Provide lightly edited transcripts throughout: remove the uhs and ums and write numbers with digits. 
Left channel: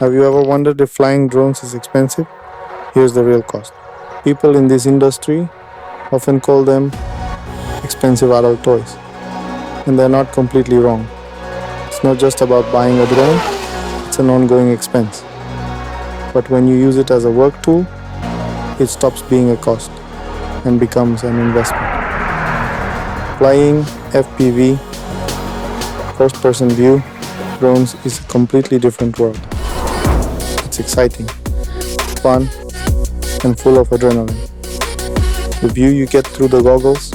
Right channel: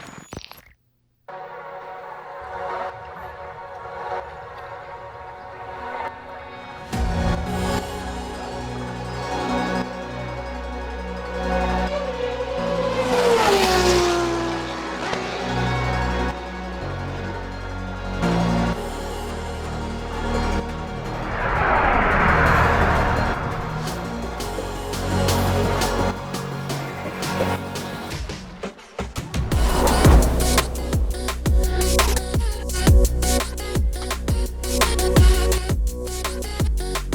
Have you ever wondered if flying drones is expensive? Here's the real cost. People in this industry often call them expensive adult toys, and they're not completely wrong. It's not just about buying a drone, it's an ongoing expense. But when you use it as a work tool, it stops being a cost and becomes an investment. Flying FPV, first-person view, drones is a completely different world. It's exciting, fun, and full of adrenaline. The view you get through the goggles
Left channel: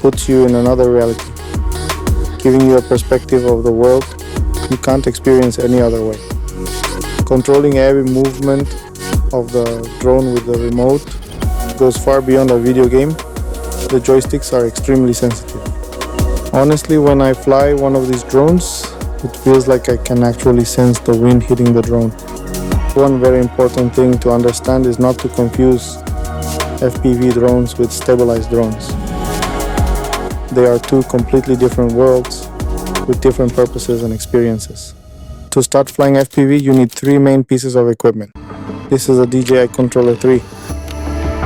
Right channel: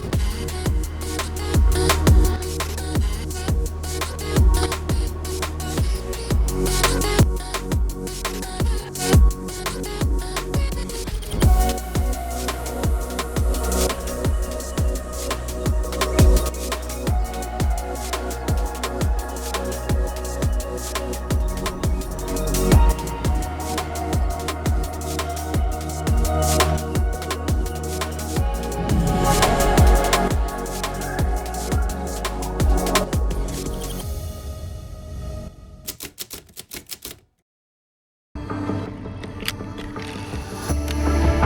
puts you in another reality, giving you a perspective of the world you can't experience any other way. Controlling every movement of the drone with the remote goes far beyond a video game. The joysticks are extremely sensitive. Honestly, when I fly one of these drones, it feels like I can actually sense the wind hitting the drone. One very important thing to understand is not to confuse FPV drones with stabilized drones. They are two completely different worlds with different purposes and experiences. To start flying FPV, you need three main pieces of equipment. This is a DJI Controller 3. It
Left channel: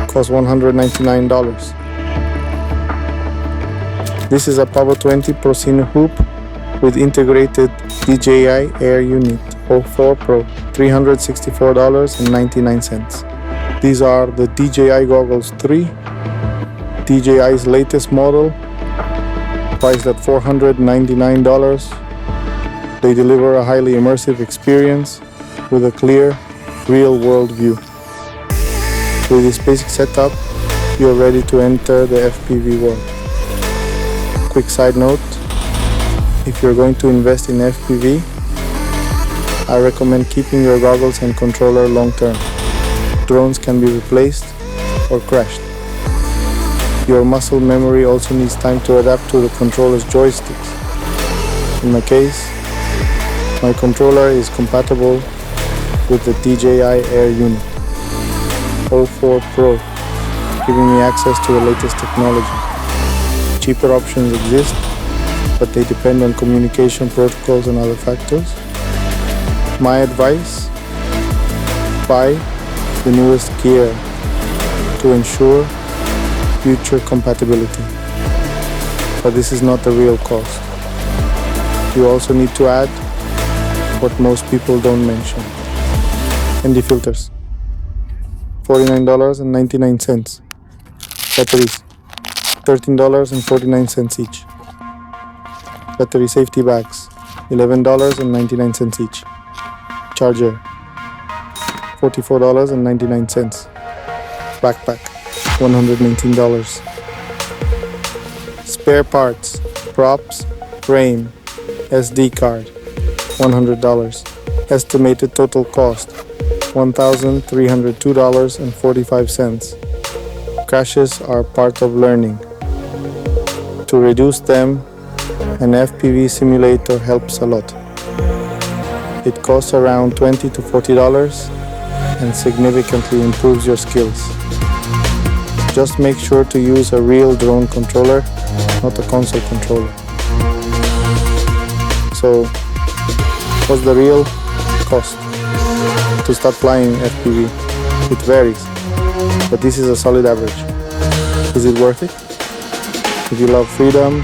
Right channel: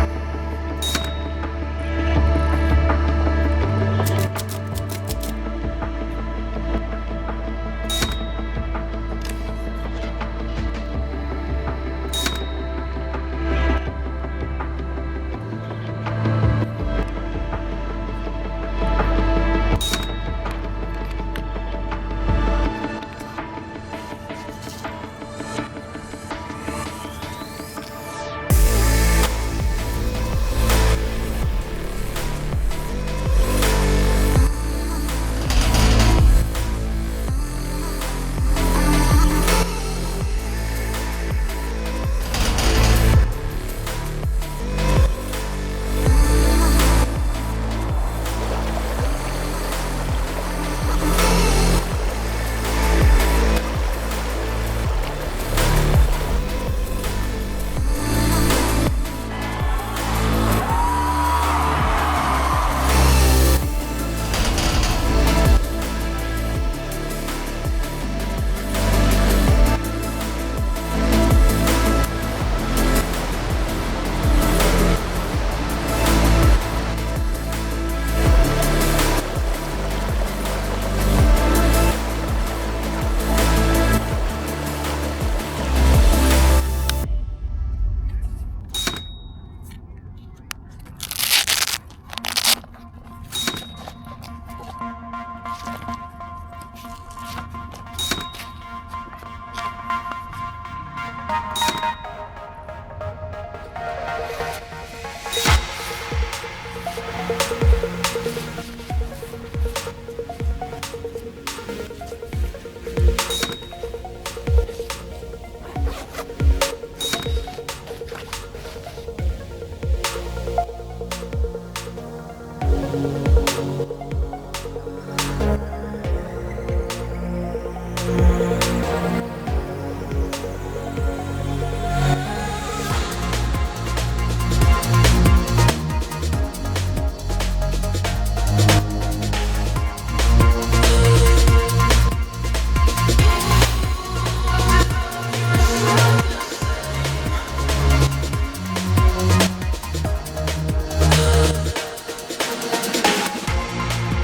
costs $199. This is a Pavo20 Pro hoop with integrated DJI Air Unit O4 Pro, $364.99. These are the DJI Goggles 3, DJI's latest model, priced at $499. They deliver a highly immersive experience with a clear, real-world view. With this basic setup, you are ready to enter the FPV world. Quick side note, if you're going to invest in FPV, I recommend keeping your goggles and controller long-term. Drones can be replaced or crashed. Your muscle memory also needs time to adapt to the controller's joysticks. In my case, my controller is compatible with the DJI Air Unit O4 Pro, giving me access to the latest technology. Cheaper options exist, but they depend on communication protocols and other factors. My advice: buy the newest gear to ensure future compatibility. But this is not the real cost. You also need to add what most people don't mention: ND filters, $49.99. Batteries, $13.49 each. Battery safety bags, $11.99 each. Charger, $44.99. Backpack, $119. Spare parts, props, frame, SD card, $100. Estimated total cost, $1,302.45. Crashes are part of learning. To reduce them, an FPV simulator helps a lot. It costs around $20 to $40 and significantly improves your skills. Just make sure to use a real drone controller, not a console controller. So, what's the real cost to start flying FPV? It varies, but this is a solid average. Is it worth it? If you love freedom,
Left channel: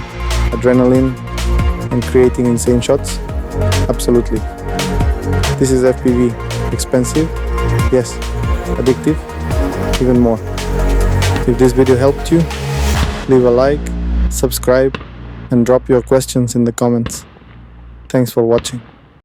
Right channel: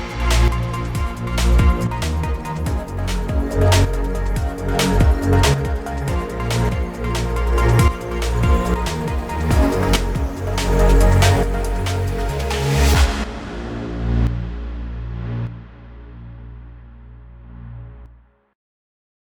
adrenaline, and creating insane shots, absolutely. This is FPV. Expensive? Yes. Addictive? Even more. If this video helped you, leave a like, subscribe, and drop your questions in the comments. Thanks for watching.